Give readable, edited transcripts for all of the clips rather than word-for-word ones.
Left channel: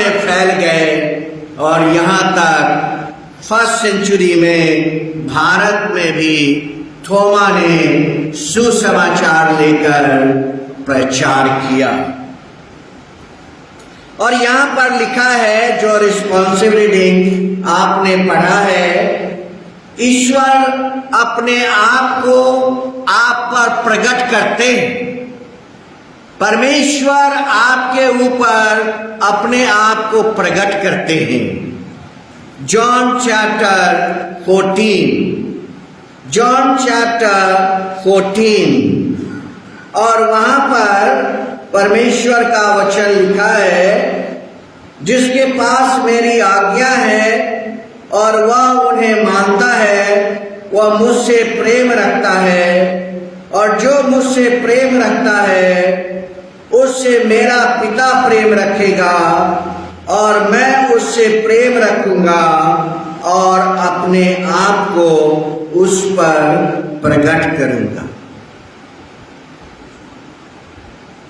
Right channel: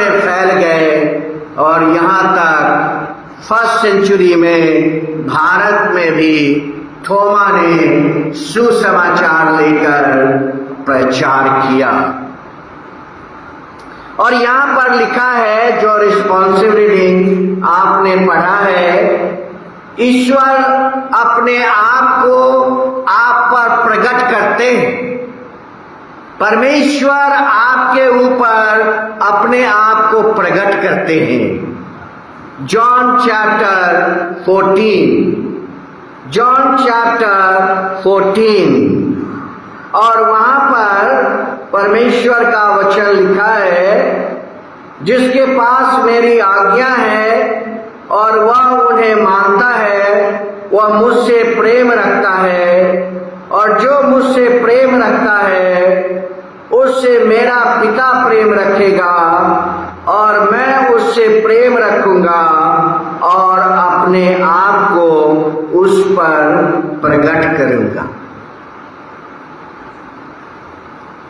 में फैल गए और यहाँ तक फर्स्ट सेंचुरी में भारत में भी थोमा ने सुसमाचार लेकर प्रचार किया। और यहाँ पर लिखा है, जो रिस्पॉन्सिबिलिटी आपने पढ़ा है, ईश्वर अपने आप को आप पर प्रकट करते हैं। परमेश्वर आपके ऊपर अपने आप को प्रकट करते हैं। जॉन चैप्टर 14 और वहां पर परमेश्वर का वचन लिखा है, जिसके पास मेरी आज्ञा है और वह उन्हें मानता है, वह मुझसे प्रेम रखता है, और जो मुझसे प्रेम रखता है उससे मेरा पिता प्रेम रखेगा, और मैं उससे प्रेम रखूंगा और अपने आप को उस पर प्रकट करूंगा।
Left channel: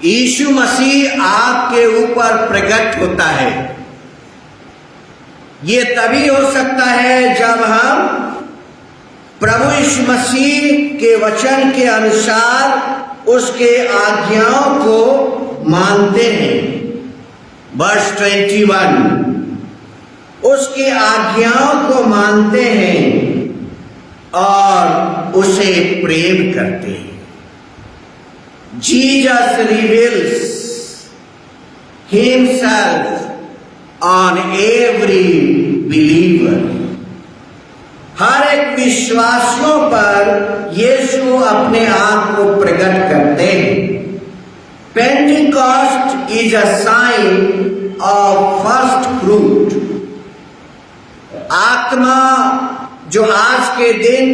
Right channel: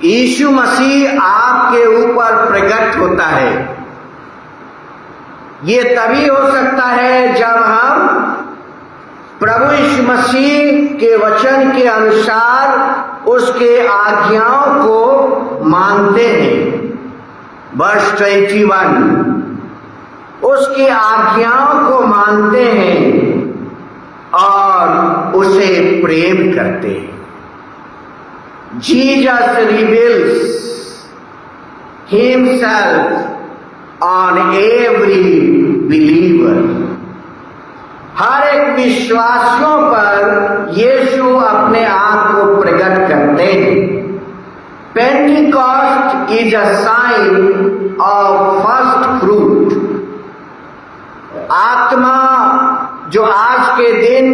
यीशु मसीह आपके ऊपर प्रकट होता है। ये तभी हो सकता है जब हम प्रभु यीशु मसीह के वचन के अनुसार उसके आज्ञाओं को मानते हैं। वर्ष 21, उसकी आज्ञाओं को मानते हैं और उसे प्रेम करते हैं। Jesus reveals himself on every believer. हर एक विश्वासियों पर यीशु अपने आप को प्रकट करते हैं। Pentecost is a sign of first fruit. आत्मा जो आज के दिन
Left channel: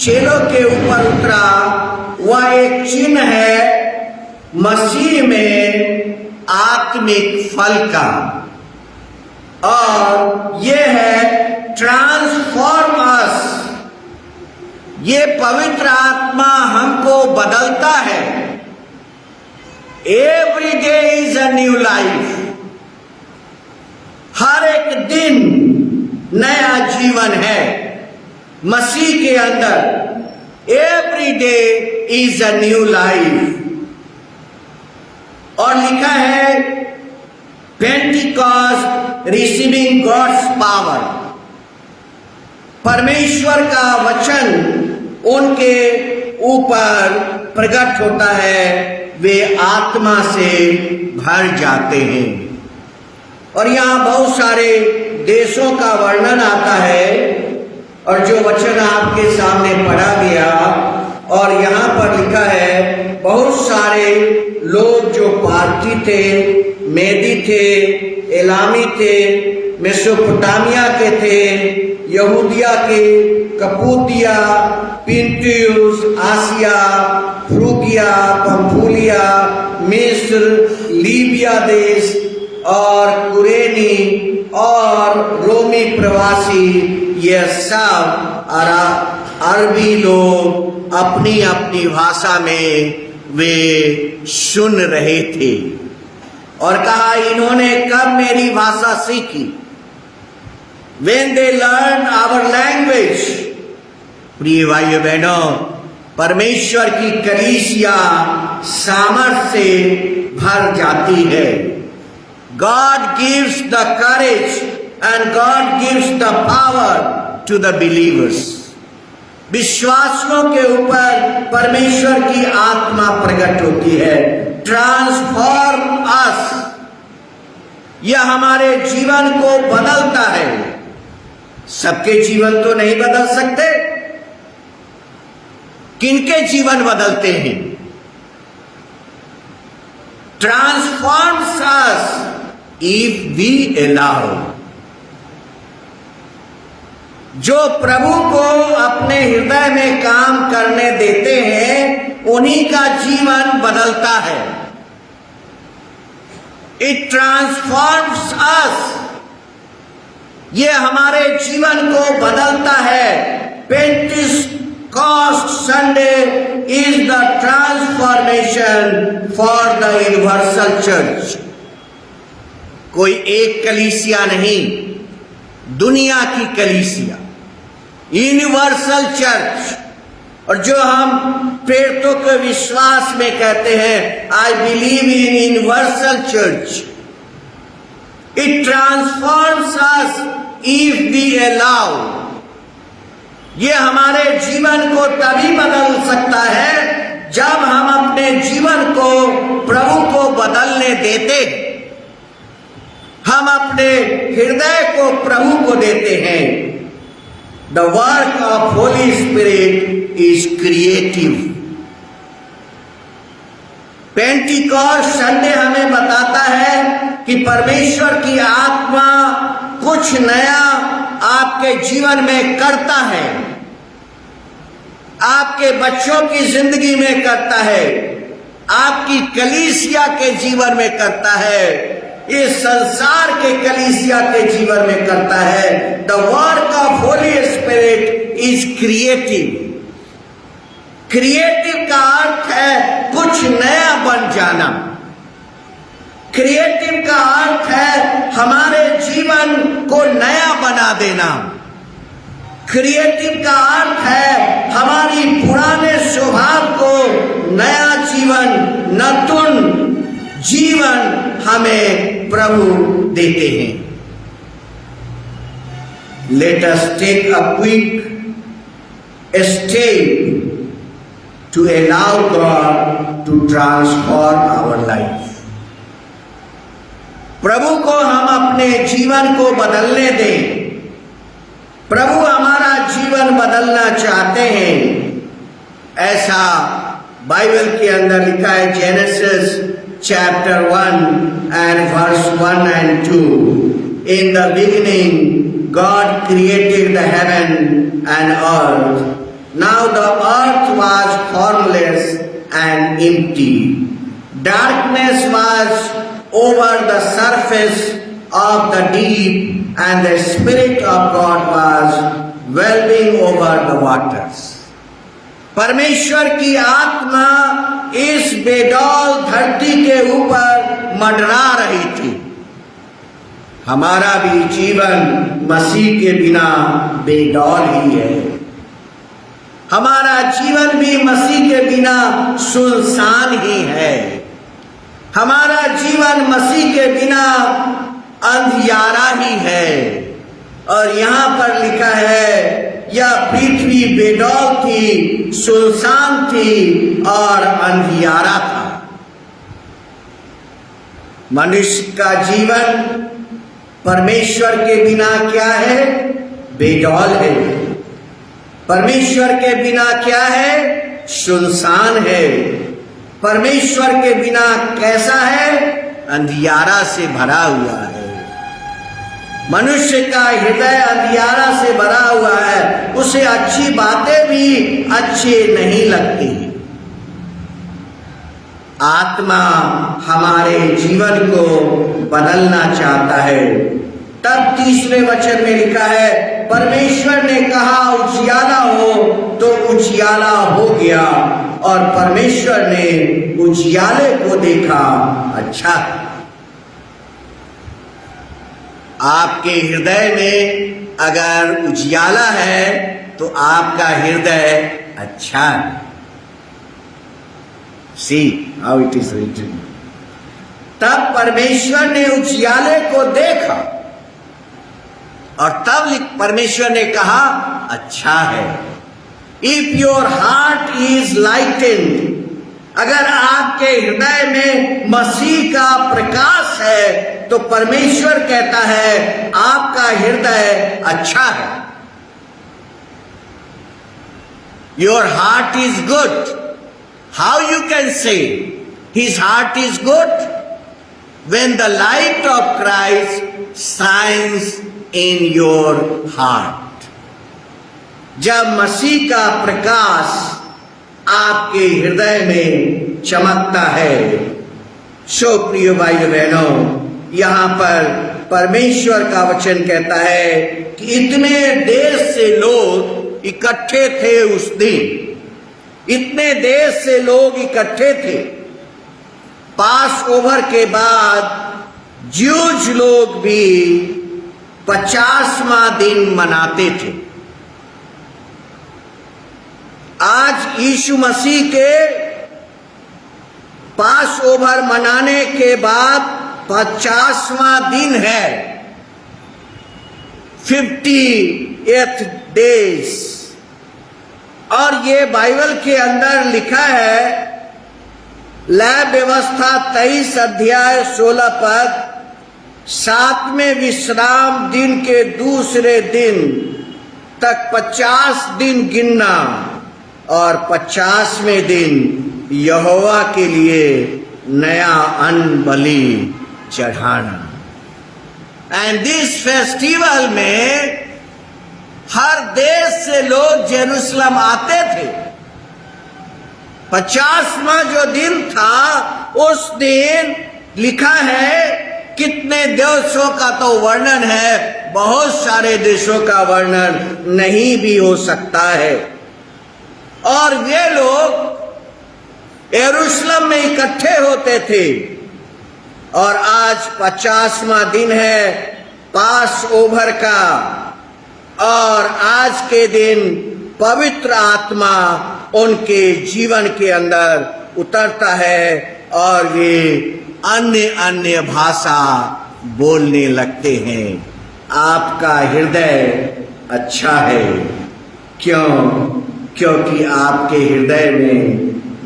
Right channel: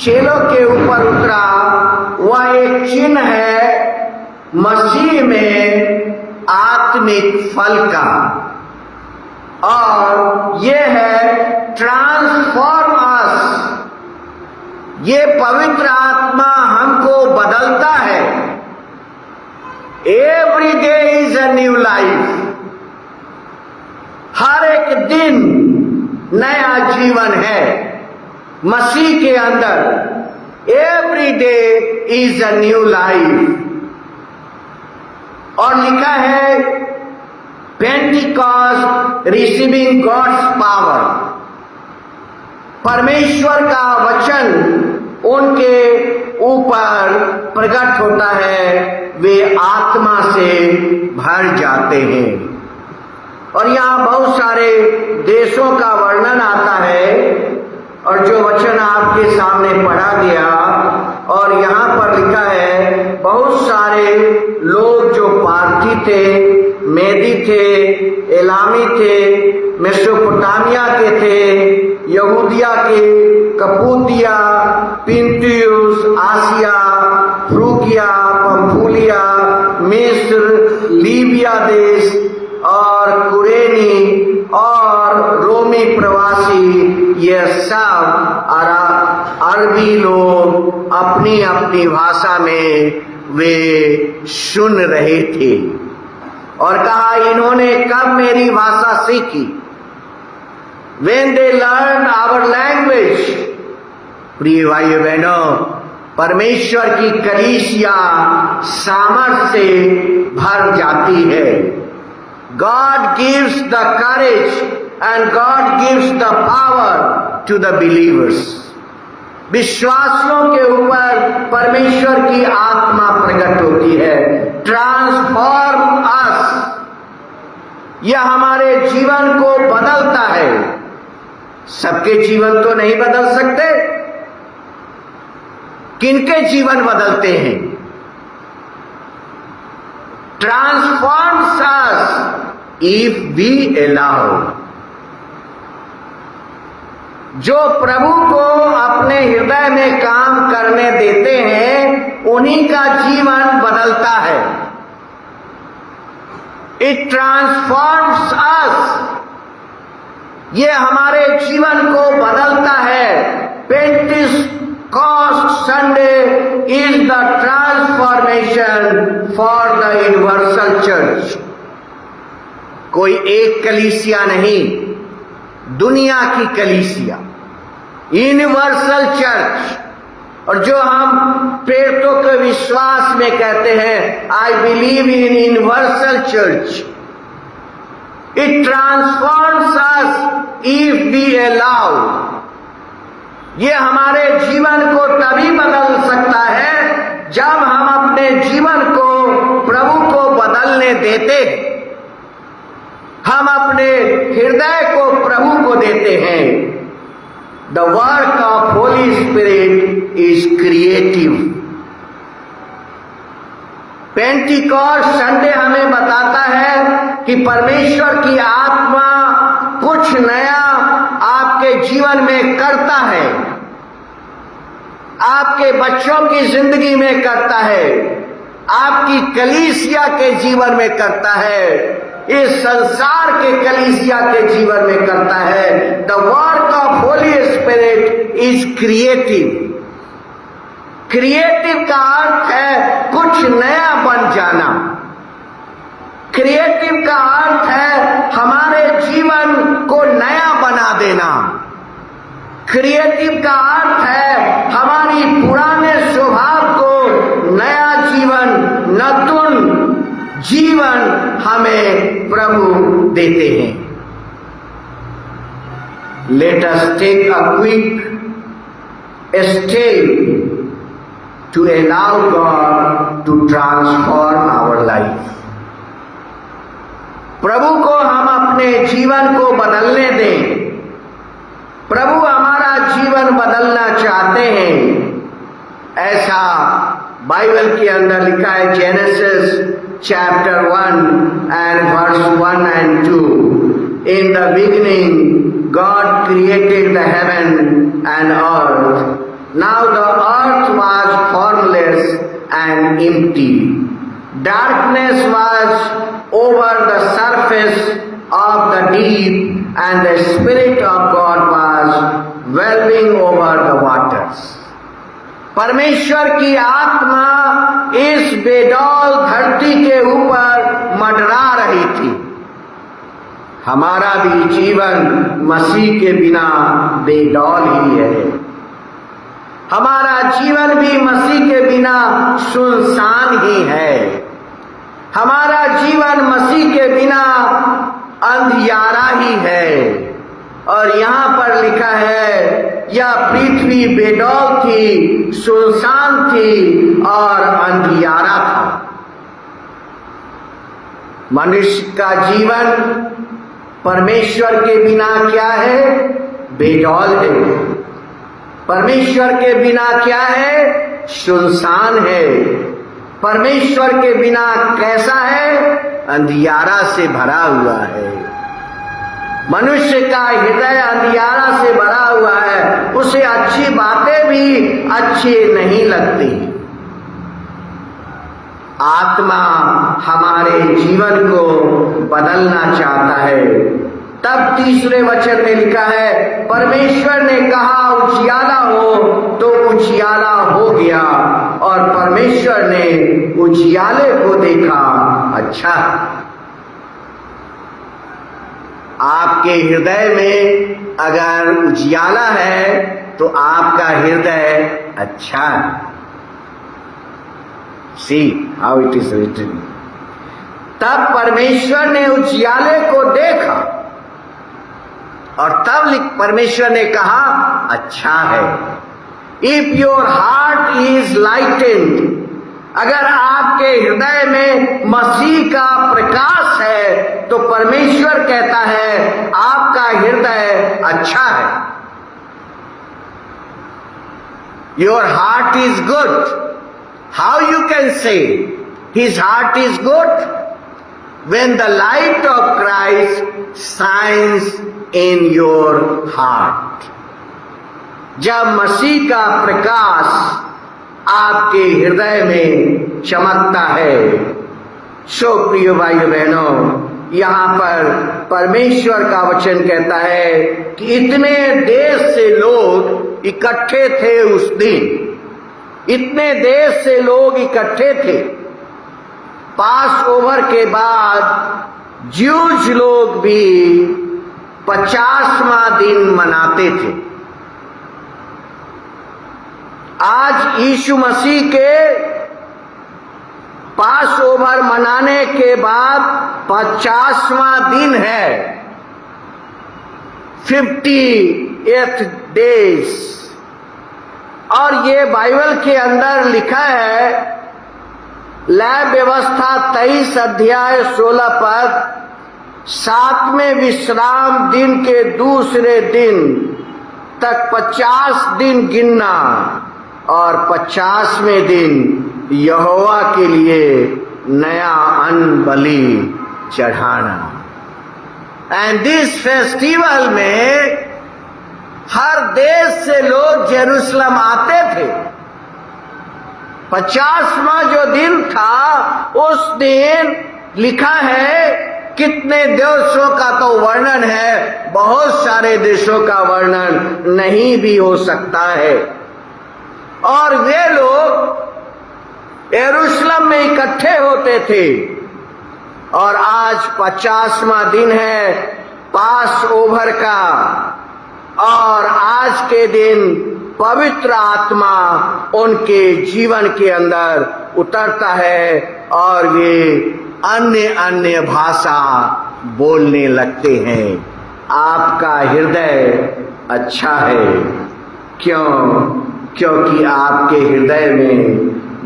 चेलों के ऊपर उतरा, वह एक चिन्ह है मसीह में आत्मिक फल का, और ये है ट्रांसफॉर्म अस। ये पवित्र आत्मा हमको बदलता है। Every day is a new life. हर एक दिन नया जीवन है मसीह के अंदर। Every day is a new life. और लिखा है पेंटिकॉस्ट रिसीविंग गॉड्स पावर। परमेश्वर का वचन उनके ऊपर प्रकट होता है, वे आत्मा से भर जाते हैं। और यहाँ बहुत सारे देशों का वर्णन आता है, और जो वचन आपके सामने पढ़ा गया, और यहाँ पर लिखा है बहुत सारे लोग जो पार्थी थे, मेदी थे, एलामी थे, मेसोपोटामिया के थे, यहूदिया के, कपूतिया, पिंटियुस, आसिया, फ्रूगिया, पंफूलिया, मिस्र, लीबिया देश और कुरेनी और रोमी प्रवासी, ये सब अरबी लोग अपनी अपनी भाषा में वे सुन रहे थे। और कहा, इन्होंने कब मेरी भाषा सीखी? When they learned our language। प्रिय भाइयों बहनों, परमेश्वर की कलीसिया सामर्थ्य से भर जाती है। God gives the courage and God gives the power to the believers। विश्वासियों के ऊपर परमेश्वर की आत्मा प्रकट होती है। ट्रांसफॉर्म अस। यह हमारे जीवन को बदलता है। सबके जीवन तो नहीं बदल सकते। किनके जीवन बदलते हैं? Transforms us if we allow. जो प्रभु को अपने हृदय में काम करने देते हैं, उन्हीं का जीवन बदलता है। इट ट्रांसफॉर्म्स अस। ये हमारे जीवन को बदलता है। Pentecost Sunday is the transformation for the universal church. कोई एक कलीसिया नहीं, दुनिया की कलीसिया, यूनिवर्सल चर्च। और जो हम प्रेरितों के विश्वास में कहते हैं, I believe in universal church, it transforms us if we allow. ये हमारे जीवन को तभी बदल सकता है जब हम अपने जीवन को प्रभु को बदलने देते हैं, हम अपने हृदय को प्रभु को देते हैं। The work of Holy Spirit is creative. Pentecost Sunday हमें बताता है कि परमेश्वर की आत्मा कुछ नया आपके जीवन में करता है, आपके बच्चों की जिंदगी में करता है, आपकी कलीसिया के जीवन में करता है, इस संसार के कलीसिया के जीवन में करता है। The work of Holi spirit is creative. Creative का अर्थ है कुछ नया बन जाना। क्रिएटिव का अर्थ है हमारे जीवन को नया बना देना। क्रिएटिव का अर्थ है हमारी पुराने स्वभाव को नया जीवन, नतुन जीवन हमें प्रभु देते हैं। Let us take a quick step to allow God to transform our life. प्रभु को हम अपने जीवन को बदलने दें। प्रभु हमारा जीवन बदलना चाहते हैं। ऐसा बाइबल के अंदर लिखा है, genesis chapter 1 and verse 1 and 2. In the beginning, God created the heaven and earth. Now the earth was formless and empty. Darkness was over the surface of the deep, and the Spirit of God was whelming over the waters. परमेश्वर की आत्मा इस बेडौल धरती के ऊपर मंडरा रही थी। हमारा भी जीवन मसीह के बिना बेडौल ही है। हमारा जीवन भी मसीह के बिना सुनसान ही है। हमारा जीवन मसीह के बिना अंधियारा ही है। और यहाँ पर लिखा है, यह पृथ्वी बेडौल थी, सुनसान थी और अंधियारा था। मनुष्य का जीवन परमेश्वर के बिना क्या है? बेडौल है। परमेश्वर के बिना क्या है? सुनसान है। परमेश्वर के बिना कैसा है? अंधियारा से भरा हुआ है। मनुष्य का हृदय अंधियारा से भरा हुआ है, उसे अच्छी बातें भी अच्छी नहीं लगती। आत्मा हमारे जीवन को बदलना चाहता है। तब तीसरे वचन में लिखा है, परमेश्वर ने कहा उजियाला हो, तो उजियाला हो गया। और परमेश्वर ने उजियाले को देखा, अच्छा। आपके हृदय में अगर उजियाला है तो आपका हृदय अच्छा है। See how it is written. तब परमेश्वर ने उजियाले को देखा और तब परमेश्वर ने कहा, अच्छा है। If your heart is lightened, अगर आपके हृदय में मसीह का प्रकाश है तो परमेश्वर कहता है आपका हृदय अच्छा है। Your heart is good. How you can say his heart is good? When the light of Christ shines in your heart. जब मसीह का प्रकाश आपके हृदय में चमकता है। सो प्रिय भाई बहनों, यहाँ पर परमेश्वर का वचन कहता है कि इतने देश से लोग इकट्ठे थे उस दिन। इतने देश से लोग इकट्ठे थे। पास ओवर के बाद ज्यूज लोग भी 50वां दिन मनाते थे। आज यीशु मसीह के पास ओवर मनाने के बाद 50वां दिन है, 50th डेज। और ये बाइबल के अंदर लिखा है, लय व्यवस्था 23 अध्याय 16 पद, 7वें विश्राम दिन के दूसरे दिन तक 50 दिन गिनना और 50वें दिन यहोवा के लिए नया अन्न बलि चढ़ाना। एंड दिस फेस्टिवल में हर देश से लोग जेरूसलम आते थे। 50वां जो दिन था, उस दिन लिखा है, कितने देशों का तो वर्णन है, बहुत सारे देशों का वर्णन नहीं भी हो सकता है। और वे लोग यरूशलेम में इकट्ठे होते थे। और आज 50वां दिन है पास ओवर का, और आज के दिन पवित्र आत्मा उनके जीवन के अंदर उतरता है और वे अन्य अन्य भाषा बोलने लगते हैं। आपका हृदय अच्छा है। क्यों? क्योंकि आपके हृदय में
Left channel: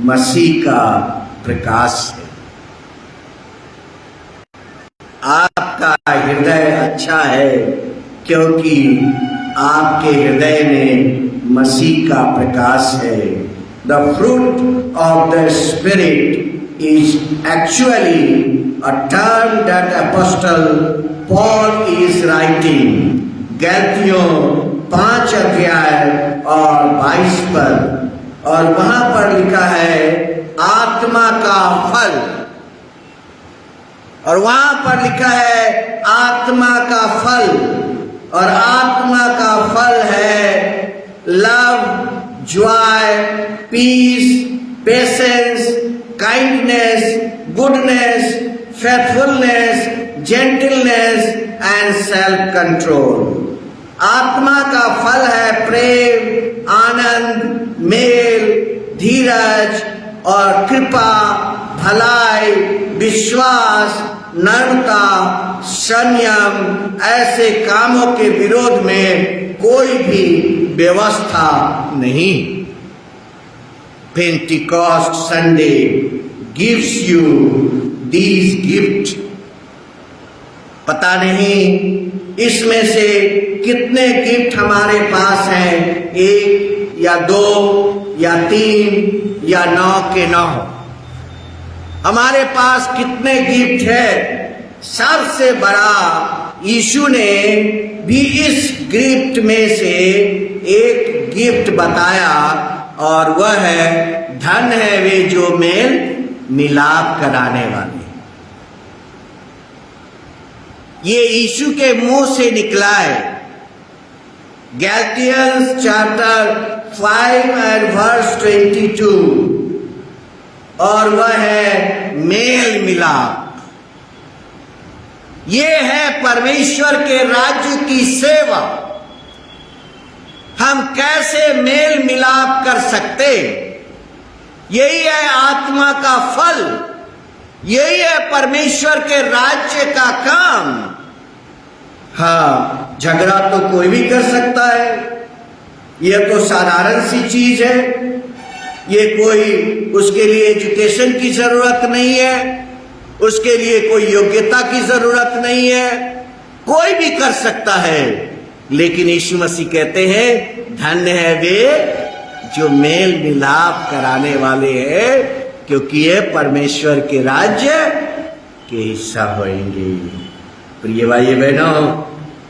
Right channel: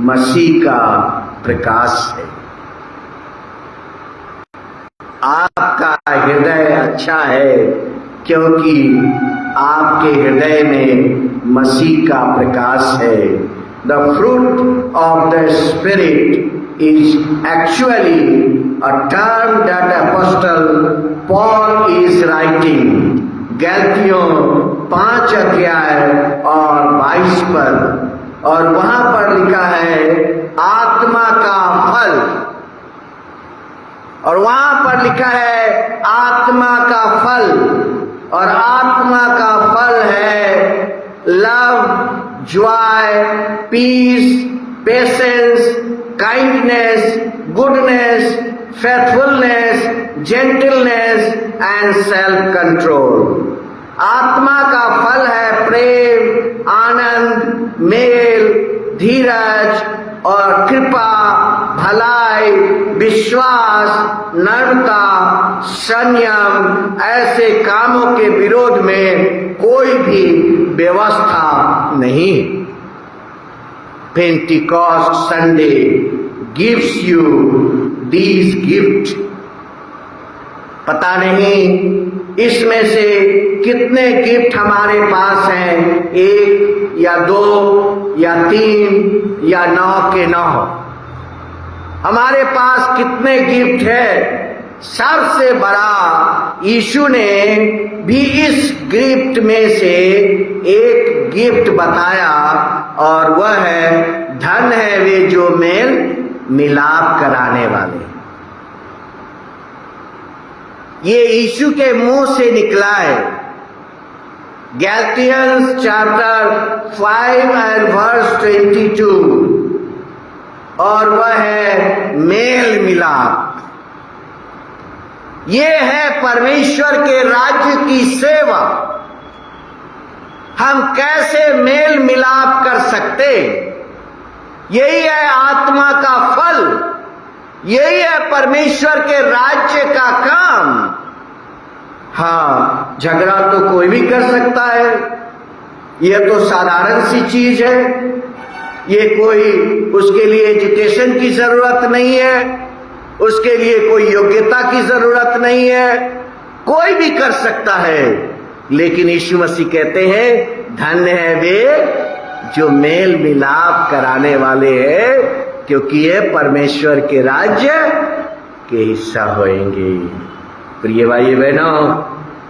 मसीह का प्रकाश है। आपका हृदय अच्छा है क्योंकि आपके हृदय में मसीह का प्रकाश है। The fruit of the spirit is actually a term that apostle Paul is writing. गलतियों 5 अध्याय और 22 पर, और वहां पर लिखा है आत्मा का फल, और वहां पर लिखा है आत्मा का फल, और आत्मा का फल है love, joy, peace, patience, kindness, goodness, faithfulness, gentleness and self control. आत्मा का फल है प्रेम, आनंद, मेल, धीरज और कृपा, भलाई, विश्वास, नम्रता, संयम। ऐसे कामों के विरोध में कोई भी व्यवस्था नहीं। Pentecost Sunday gives you these gift. पता नहीं इसमें से कितने गिफ्ट हमारे पास हैं, 1 या 2 या 3 या 9 के 9। हमारे पास कितने गिफ्ट है। सबसे बड़ा यीशु ने भी इस गिफ्ट में से एक गिफ्ट बताया, और वह है धन है वे जो मेल मिलाप कराने वाले। ये यीशु के मुंह से निकला है। गैलातियंस चैप्टर 5 एंड वर्स 22, और वह है मेल मिलाप। ये है परमेश्वर के राज्य की सेवा। हम कैसे मेल मिलाप कर सकते? यही है आत्मा का फल, यही है परमेश्वर के राज्य का काम। हाँ, झगड़ा तो कोई भी कर सकता है, यह तो साधारण सी चीज है। ये कोई, उसके लिए एजुकेशन की जरूरत नहीं है, उसके लिए कोई योग्यता की जरूरत नहीं है, कोई भी कर सकता है। लेकिन यीशु मसीह कहते हैं धन्य है वे जो मेल मिलाप कराने वाले हैं, क्योंकि ये परमेश्वर के राज्य के हिस्सा होंगे। प्रिय भाई बहनों,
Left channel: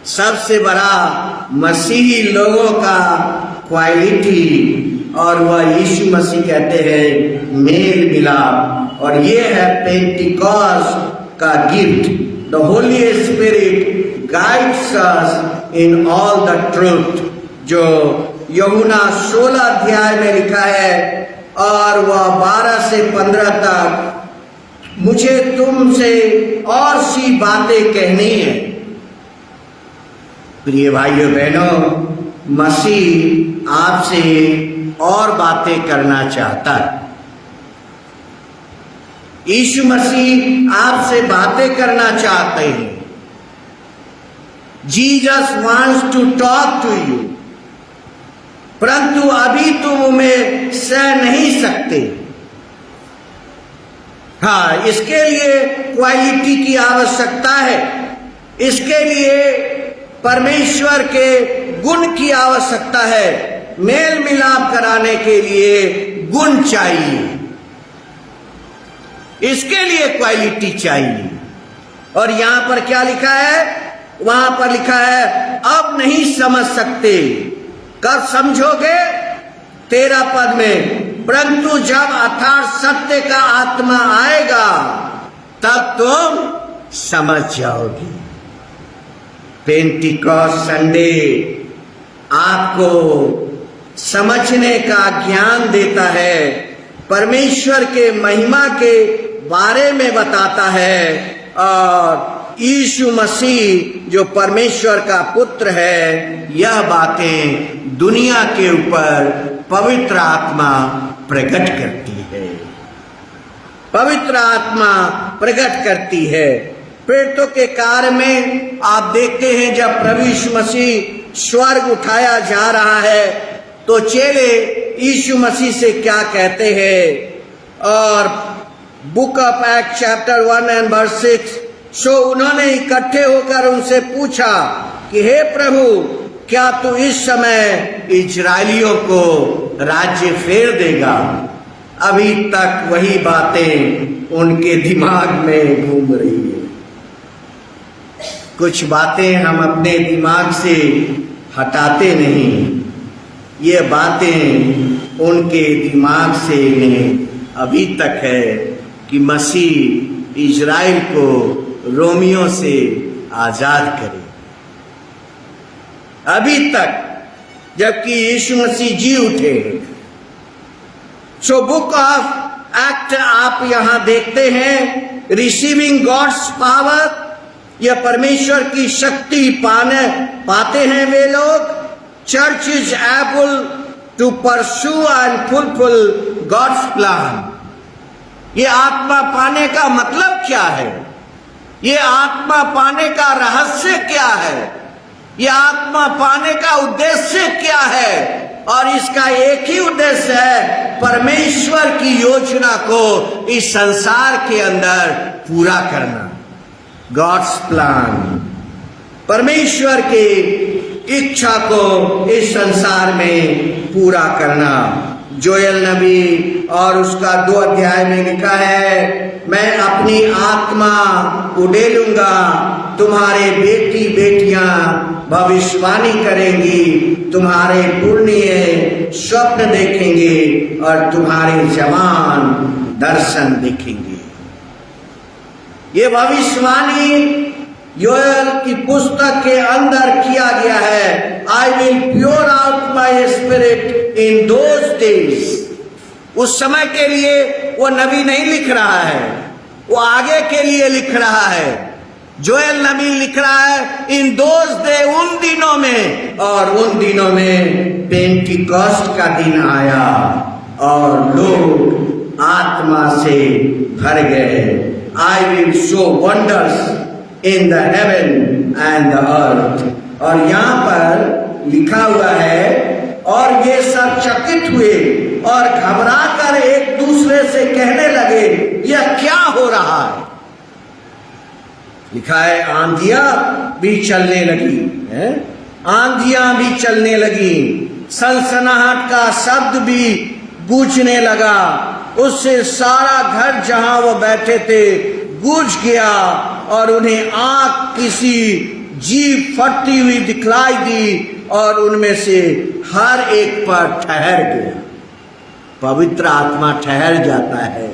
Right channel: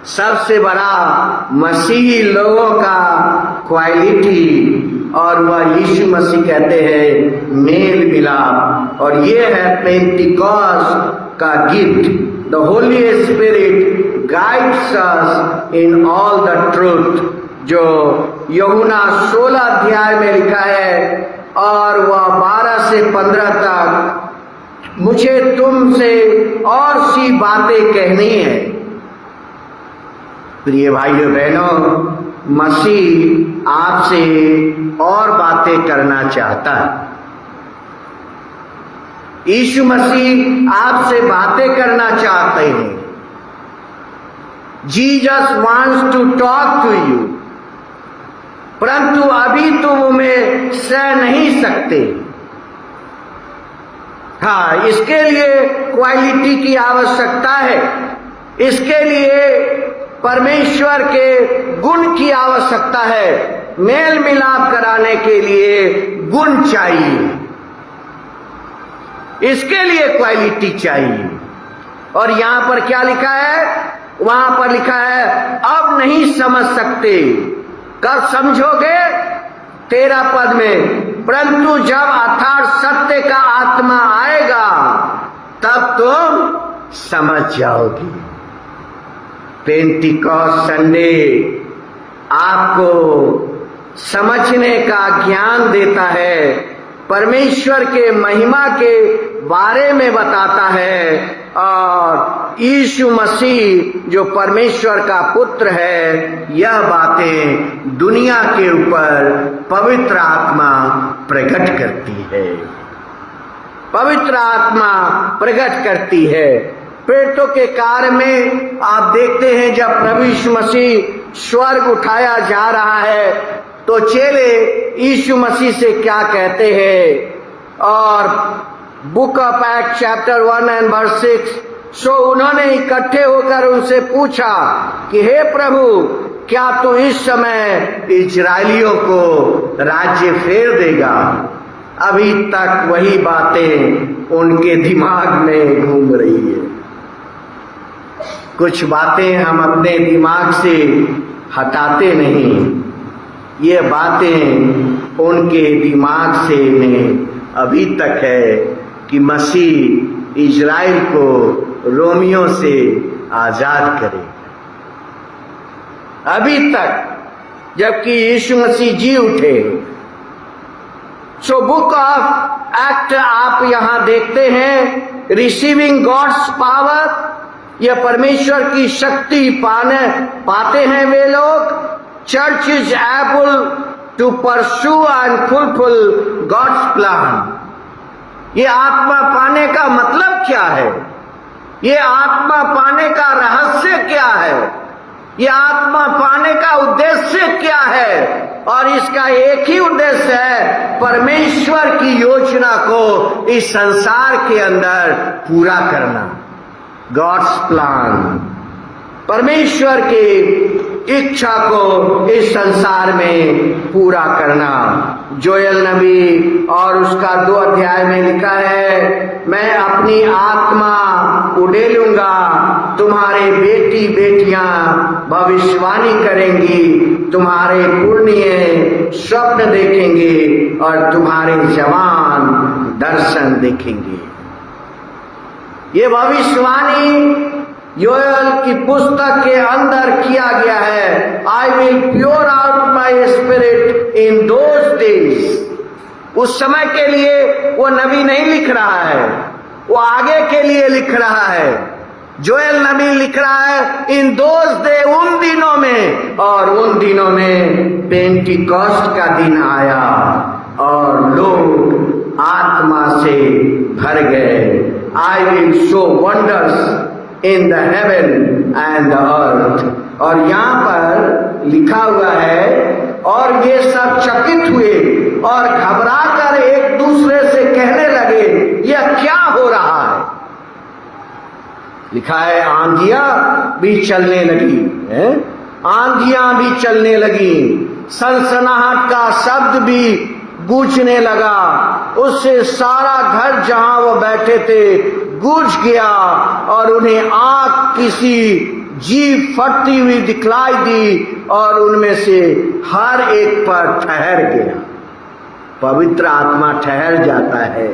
सबसे बड़ा मसीही लोगों का क्वालिटी, और वह यीशु मसीह कहते हैं मेल मिलाप। और ये है पेंटिकॉस्ट का gift. The Holi spirit guides us in all the truth, जो यूहन्ना 16 अध्याय में लिखा है, और वह 12 से 15 तक मुझे तुमसे और सी बातें कहनी है। प्रिय भाइयों बहनों, मसीह आपसे और बातें करना चाहता है। यीशु मसीह आपसे बातें करना चाहते हैं। Jesus wants to talk to you, परंतु अभी तुम उन्हें सह नहीं सकते। हाँ, इसके लिए क्वालिटी की आवश्यकता है। इसके लिए परमेश्वर के गुण की आवश्यकता है। मेल मिलाप कराने के लिए गुण चाहिए, इसके लिए क्वालिटी चाहिए। और यहां पर क्या लिखा है? वहां पर लिखा है अब नहीं समझ सकते। कब समझोगे? 13 पद में, परंतु जब अर्थात सत्य का आत्मा आएगा तब तुम समझ जाओगे। पेंटिकॉस्ट संडे आपको समझने का ज्ञान देता है, परमेश्वर के महिमा के बारे में बताता है। और यीशु मसीह जो परमेश्वर का पुत्र है, यह बातें दुनिया के ऊपर पवित्र आत्मा प्रकट करती है। पवित्र आत्मा प्रकट करती है। प्रेरितों के कार्य में आप देखते हैं जब प्रभु यीशु मसीह स्वर्ग उठाया जा रहा है तो चेले यीशु मसीह से क्या कहते हैं? और book of act chapter 1 and verse 6, सो उन्होंने इकट्ठे होकर उनसे पूछा कि हे प्रभु, क्या तू इस समय इजराइलियों को राज्य फेर देगा? अभी तक वही बातें उनके दिमाग में घूम रही है। कुछ बातें हम अपने दिमाग से हटाते नहीं, ये बातें उनके दिमाग से अभी तक है कि मसीह इजराइल को रोमियों से आजाद करे। अभी तक, जबकि यीशु मसीह जी उठे। सो बुक ऑफ एक्ट आप यहां देखते हैं, रिसीविंग गॉड्स पावर, यह परमेश्वर की शक्ति पाते हैं वे लोग। Church is able to pursue and fulfil God's plan. ये आत्मा पाने का मतलब क्या है? ये आत्मा पाने का रहस्य क्या है? ये आत्मा पाने का उद्देश्य क्या है? और इसका एक ही उद्देश्य है, परमेश्वर की योजना को इस संसार के अंदर पूरा करना। गॉड्स प्लान, परमेश्वर की इच्छा को इस संसार में पूरा करना। जोएल नबी और उसका 2 अध्याय में लिखा है, मैं अपनी आत्मा उड़ेलूंगा, तुम्हारे बेटी बेटियां भविष्यवाणी करेंगी, तुम्हारे पुण्य स्वप्न देखेंगे और तुम्हारे जवान दर्शन देखेंगे। ये भविष्यवाणी योएल की पुस्तक के अंदर किया गया है। I will pure out my spirit in those days. उस समय के लिए वो नबी नहीं लिख रहा है, वो आगे के लिए लिख रहा है। जोएल नबी लिख रहा है इन दोज डे, उन दिनों में। और उन दिनों में पेंटिकॉस्ट का दिन आया और लोग आत्मा से भर गए। I will show wonders in the heaven and the earth। और यहाँ पर लिखा हुआ है, और वे सब चकित हुए और घबराकर एक दूसरे से कहने लगे, यह क्या हो रहा है? लिखा है आंधियां भी चलने लगी, आंधियां भी चलने लगी, सनसनाहट का शब्द भी गूंजने लगा। उससे सारा घर जहां वो बैठे थे गूंज गया और उन्हें आग किसी जीव फटती हुई दिखलाई दी और उनमें से हर एक पर ठहर गया। पवित्र आत्मा ठहर जाता है,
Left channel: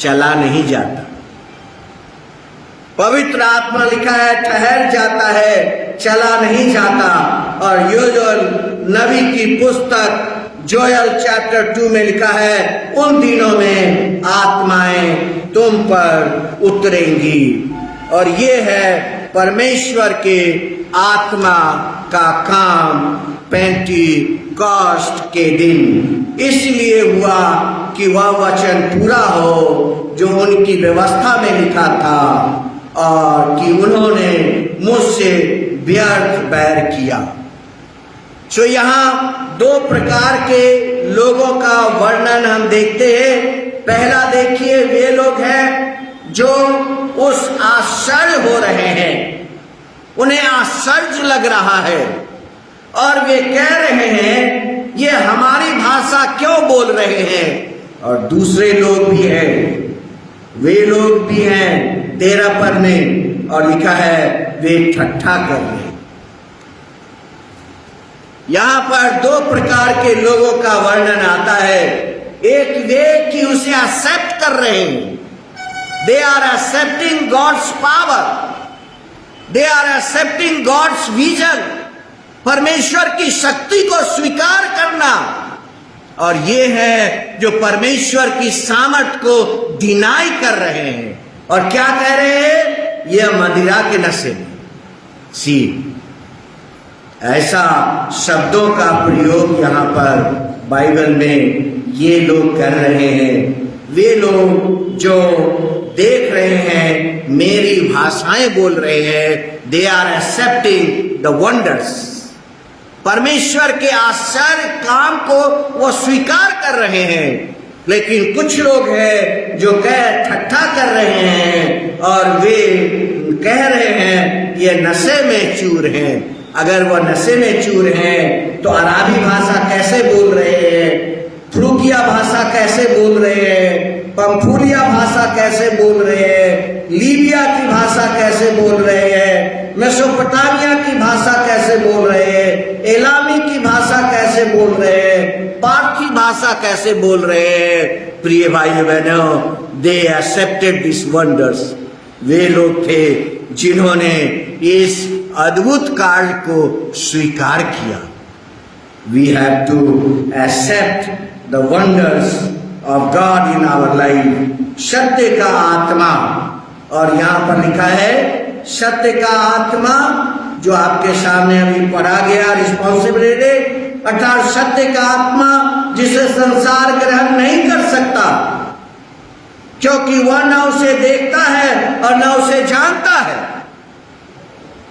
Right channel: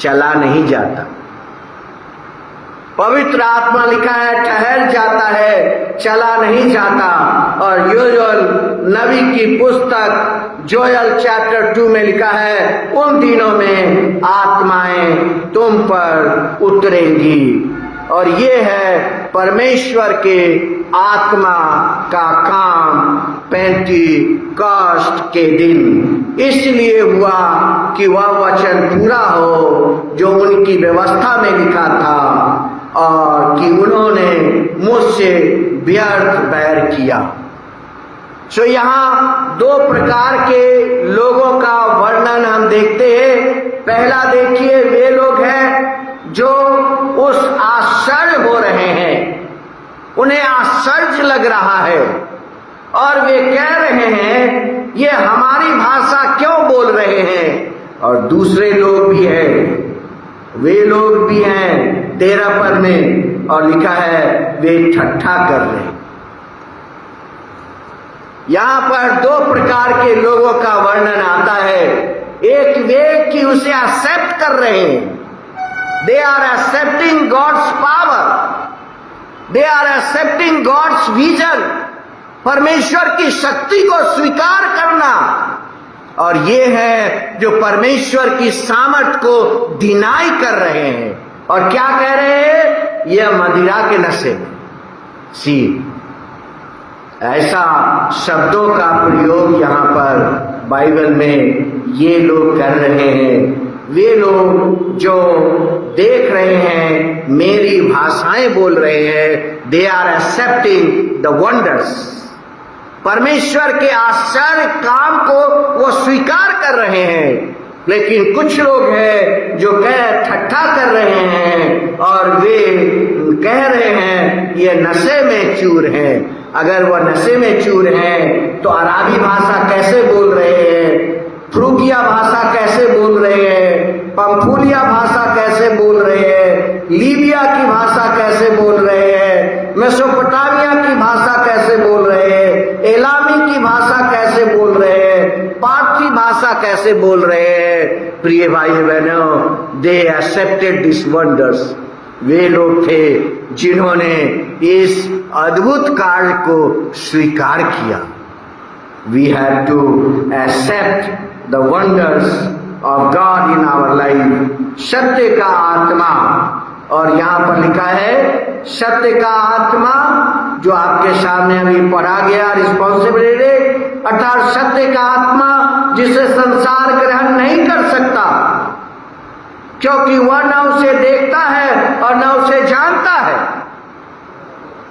चला नहीं जाता। पवित्र आत्मा लिखा है ठहर जाता है, चला नहीं जाता। और योएल नबी की पुस्तक जोएल चैप्टर 2 में लिखा है, उन दिनों में आत्माएं तुम पर उतरेंगी। और ये है परमेश्वर के आत्मा का काम पेंटिकॉस्ट के दिन इसलिए हुआ कि वह वचन पूरा हो जो उनकी व्यवस्था में लिखा था और कि उन्होंने मुझसे व्यर्थ बैर किया। सो यहाँ दो प्रकार के लोगों का वर्णन हम देखते हैं। पहला देखिए, वे लोग हैं जो उस आश्चर्य हो रहे हैं, उन्हें आश्चर्य लग रहा है और वे कह रहे हैं ये हमारी भाषा क्यों बोल रहे हैं। और दूसरे लोग भी हैं, वे लोग भी हैं 13 पद में और लिखा है वे ठट्ठा कर रहे हैं। यहां पर दो प्रकार के लोगों का वर्णन आता है। एक वे कि उसे एक्सेप्ट कर रहे हैं, they are accepting God's power, they are accepting God's vision, परमेश्वर की शक्ति को स्वीकार करना। और ये है जो परमेश्वर की सामर्थ को डिनाई कर रहे हैं और क्या कह रहे हैं, यह मदिरा के नशे में। सी ऐसा शब्दों का प्रयोग यहाँ पर बाइबल में ये लोग कर रहे हैं। वे लोग जो देख रहे हैं, मेरी भाषाएं बोल रहे हैं, they are accepting the wonders, परमेश्वर के आश्चर्य काम को वो स्वीकार कर रहे हैं। लेकिन कुछ लोग हैं जो ठट्ठा कर रहे हैं और वे कह रहे हैं ये नशे में चूर हैं। अगर वह नशे में चूर हैं तो अराबी भाषा कैसे बोल रहे हैं, फ्रूगिया भाषा कैसे बोल रहे हैं, पंफूलिया भाषा कैसे बोल रहे हैं, लीबिया की भाषा कैसे बोल रहे हैं, मेसोपोटामिया की भाषा कैसे बोल रहे हैं, एलामी की भाषा कैसे बोल रहे हैं, पारसी भाषा कैसे बोल रहे हैं। प्रिय भाई बहनों, दे एक्सेप्टेड दिस वंडर्स। वे लोग थे जिन्होंने इस अद्भुत कार्य को स्वीकार किया। We have to accept the wonders of God in our life. सत्य का आत्मा, और यहाँ पर लिखा है सत्य का आत्मा जो आपके सामने अभी पढ़ा गया, रिस्पॉन्सिबिलिटी, अर्थात सत्य का आत्मा जिसे संसार ग्रहण नहीं कर सकता क्योंकि वह न उसे देखता है और न उसे जानता है।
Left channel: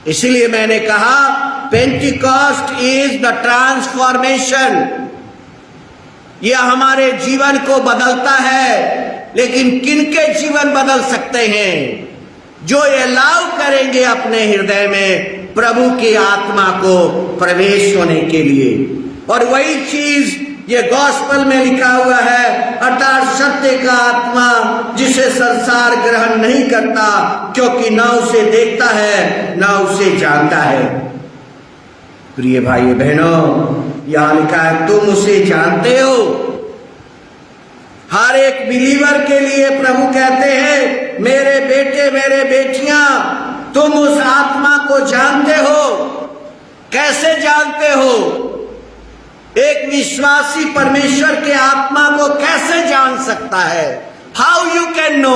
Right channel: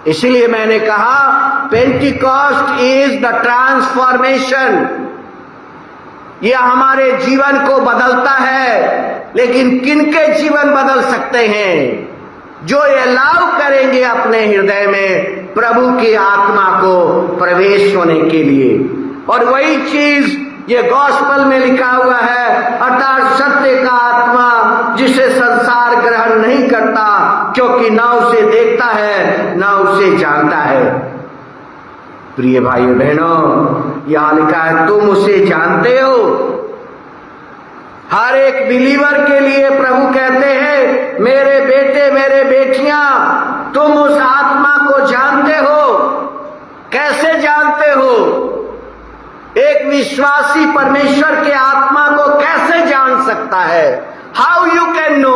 इसलिए मैंने कहा पेंटिकॉस्ट इज द ट्रांसफॉर्मेशन। यह हमारे जीवन को बदलता है, लेकिन किनके जीवन बदल सकते हैं? जो ये अलाउ करेंगे अपने हृदय में प्रभु की आत्मा को प्रवेश होने के लिए। और वही चीज ये गॉस्पेल में लिखा हुआ है, अर्थात सत्य का आत्मा जिसे संसार ग्रहण नहीं करता क्योंकि ना उसे देखता है ना उसे जानता है। प्रिय भाई बहनों, यहां लिखा है तुम उसे जानते हो। हर एक बिलीवर के लिए प्रभु कहते हैं मेरे बेटे मेरे बेटियां, तुम उस आत्मा को जानते हो। कैसे जानते हो? एक विश्वासी परमेश्वर के आत्मा को कैसे जान सकता है? How you can know?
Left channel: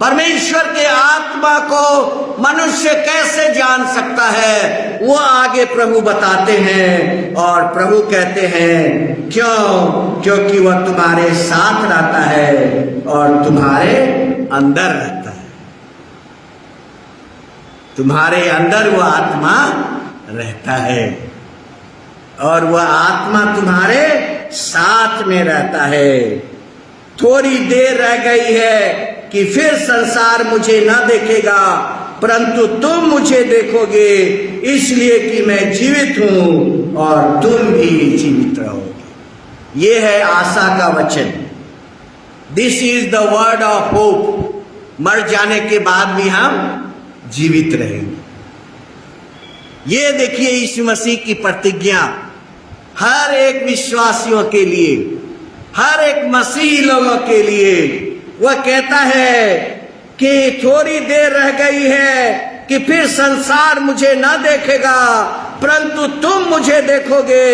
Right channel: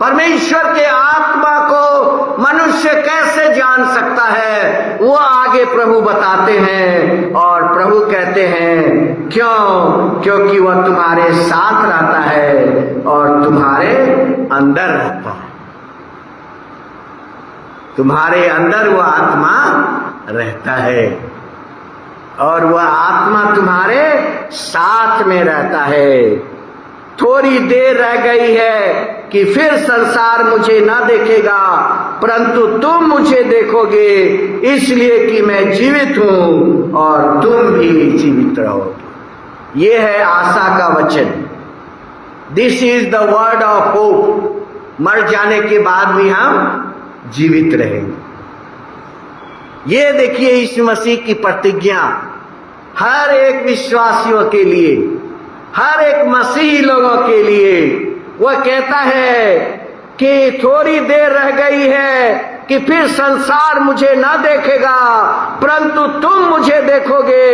परमेश्वर के आत्मा को मनुष्य कैसे जान सकता है? वो आगे प्रभु बताते हैं और प्रभु कहते हैं क्यों? क्योंकि वह तुम्हारे साथ रहता है और तुम्हारे अंदर रहता है। तुम्हारे अंदर वह आत्मा रहता है और वह आत्मा तुम्हारे साथ में रहता है। थोड़ी देर रह गई है कि फिर संसार मुझे ना देखेगा, परंतु तुम मुझे देखोगे, इसलिए कि मैं जीवित हूं और तुम भी जीवित रहोगे। ये है आशा का वचन। This is the word of hope. मर जाने के बाद भी हम जीवित रहेंगे। ये देखिए यीशु मसीह की प्रतिज्ञा हर एक विश्वासियों के लिए, हर एक मसीही लोगों के लिए। वह कहता है कि थोड़ी देर रह गई है, कि फिर संसार मुझे ना देखेगा परंतु तुम मुझे देखोगे,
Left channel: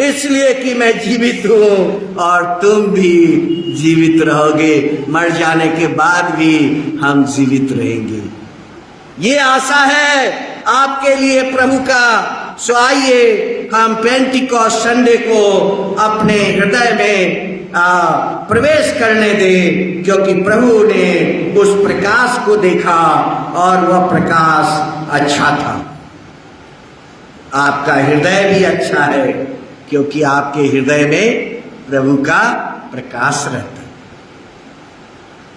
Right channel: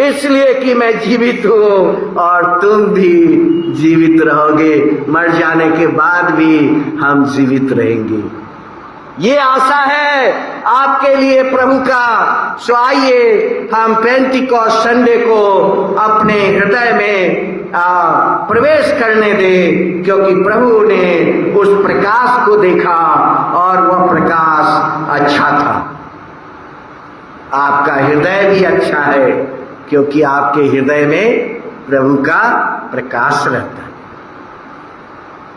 इसलिए कि मैं जीवित हूँ और तुम भी जीवित रहोगे। मर जाने के बाद भी हम जीवित रहेंगे, ये आशा है आपके लिए प्रभु का। सो आइए हम पेंटिकॉस्ट संडे को अपने हृदय में प्रवेश करने दें, क्योंकि प्रभु ने उस प्रकाश को देखा और वह प्रकाश अच्छा था। आपका हृदय भी अच्छा है, क्योंकि आपके हृदय में प्रभु का प्रकाश रहता है,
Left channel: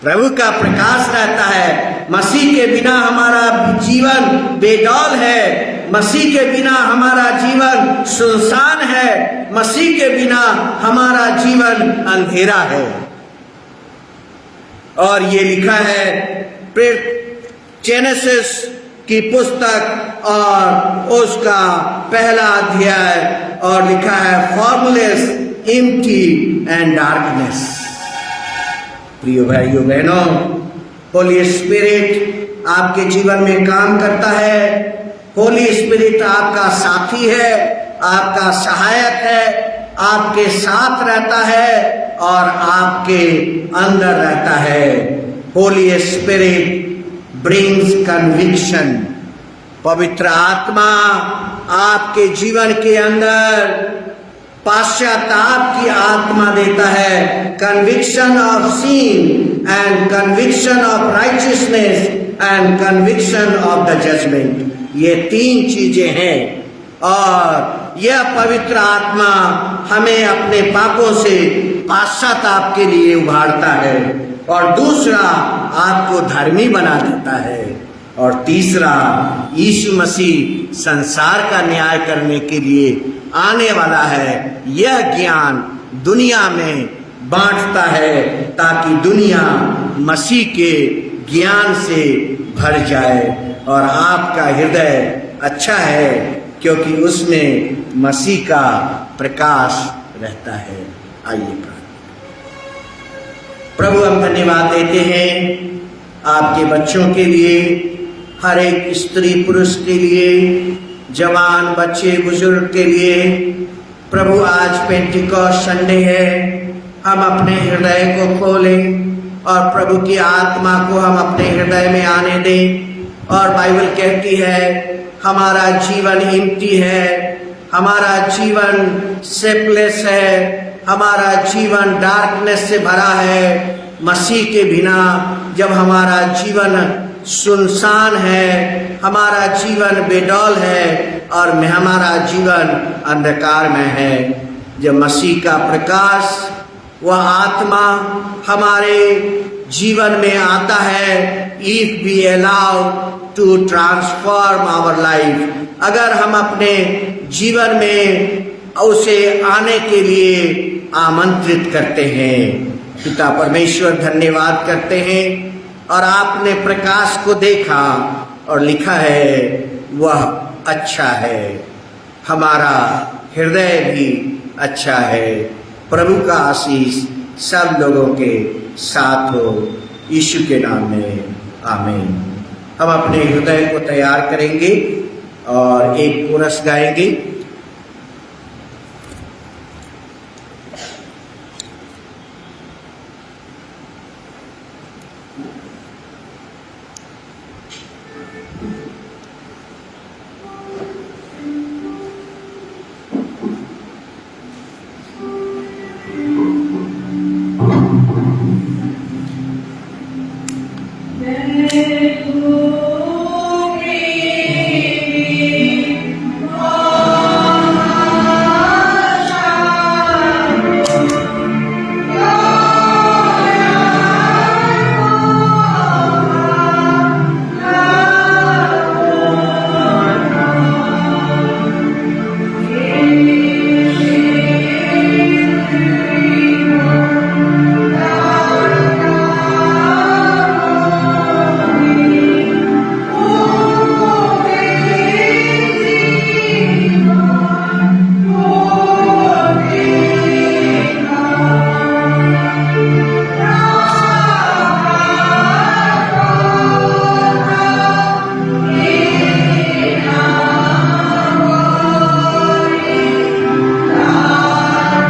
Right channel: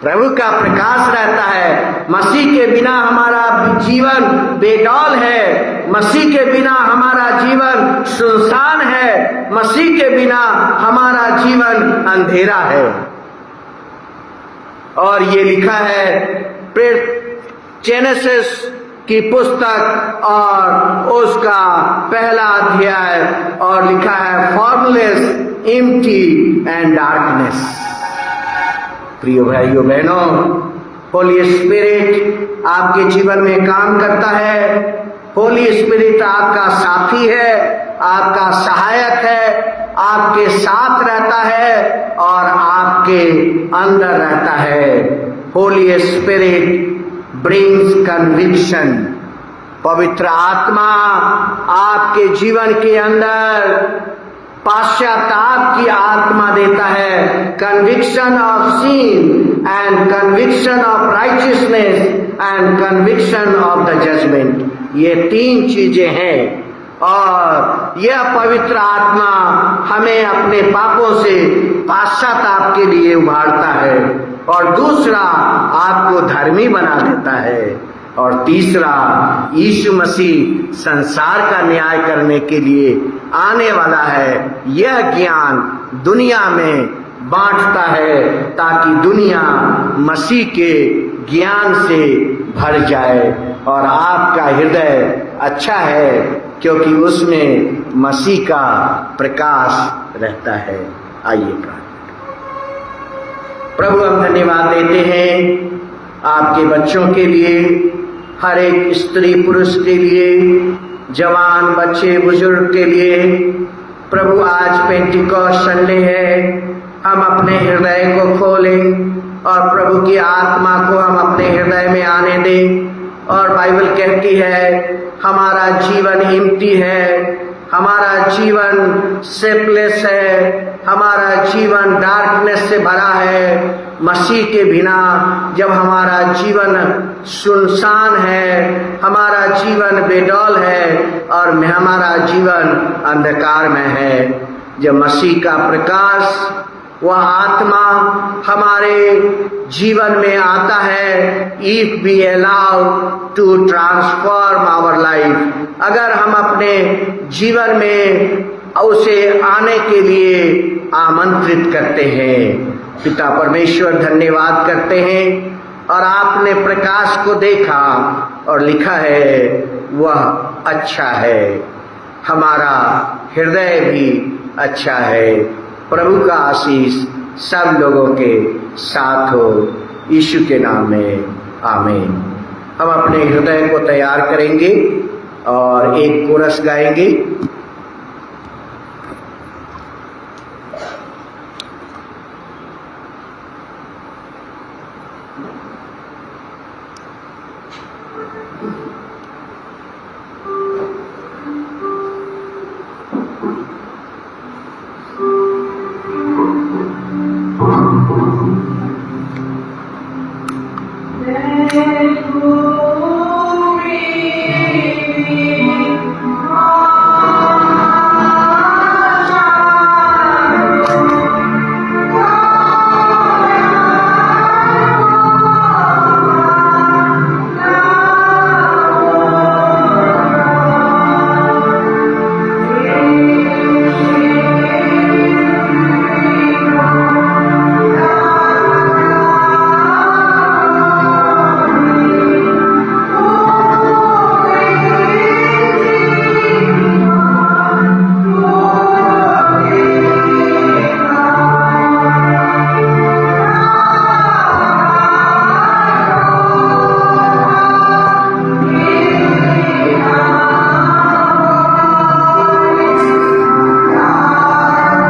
प्रभु का प्रकाश रहता है। मसीह के बिना हमारा जीवन बेडौल है, मसीह के बिना हमारा जीवन सुनसान है, मसीह के बिना हमारा जीवन अंधेरा है। और ये लिखा है जेनेसिस की पुस्तक और उसका पहला अध्याय, और लिखा है फॉर्मलेस, एम्प्टी एंड डार्कनेस। प्रिय भाइयों बहनों, होली स्पिरिट आपके जीवन में काम करता है। होली स्पिरिट आपका साथी है, आपका सहायक है, आपके साथ रहता है और आपके अंदर रहता है। Holi spirit brings conviction. पवित्र आत्मा आपके जीवन के अंदर पश्चाताप की आत्मा देता है, conviction of sin and conviction of righteousness and conviction of the judgement. ये तीन चीजें हैं और यह पवित्र आत्मा हमें अपने पापों से पश्चाताप के लिए उभारता है, और दूसरा आपको धर्मी बना देता है, और तीसरा यीशु मसीह संसार का न्याय करने के लिए आने वाला है, यह ज्ञान दुनिया में बांटता है ताकि दुनिया मसीह के ज्ञान से भर जाए। और आपका हृदय अच्छा है क्योंकि उसमें मसीह का प्रकाश रहता है। आइए प्रभु हम धन्यवाद देते हैं आपके बच्चों के लिए, हर एक स्त्री पुरुष के लिए, जवान बच्चे बुजुर्ग के लिए। प्रभु आज पेंटिकॉस्ट संडे है, हम अपने हृदय को खोलें और प्रभु की आत्मा को हम अपने हृदय में आने दें। और बाइबल कहती है हमारा जीवन एम्प्टी है, हमारा जीवन सेपलेस है, हमारा जीवन डार्कनेस से भरा है। मसीह के बिना जब हमारा जीवन सुनसान है, हमारा जीवन बेडौल है और हमारा जीवन अंधकार में है, जब मसीह का प्रकाश वह आत्मा हमारे जीवन में आता है, if we allow to transform our life, अगर हम अपने जीवन में उसे आने के लिए आमंत्रित करते हैं। पिता परमेश्वर धन्यवाद करते हैं, और आपने प्रकाश को देखा और लिखा है वह अच्छा है, हमारा हृदय भी अच्छा है। प्रभु का आशीष सब लोगों के साथ हो, यीशु के नाम में आमीन। हम अपने हृदय को तैयार करेंगे और एक कोरस गाएंगे।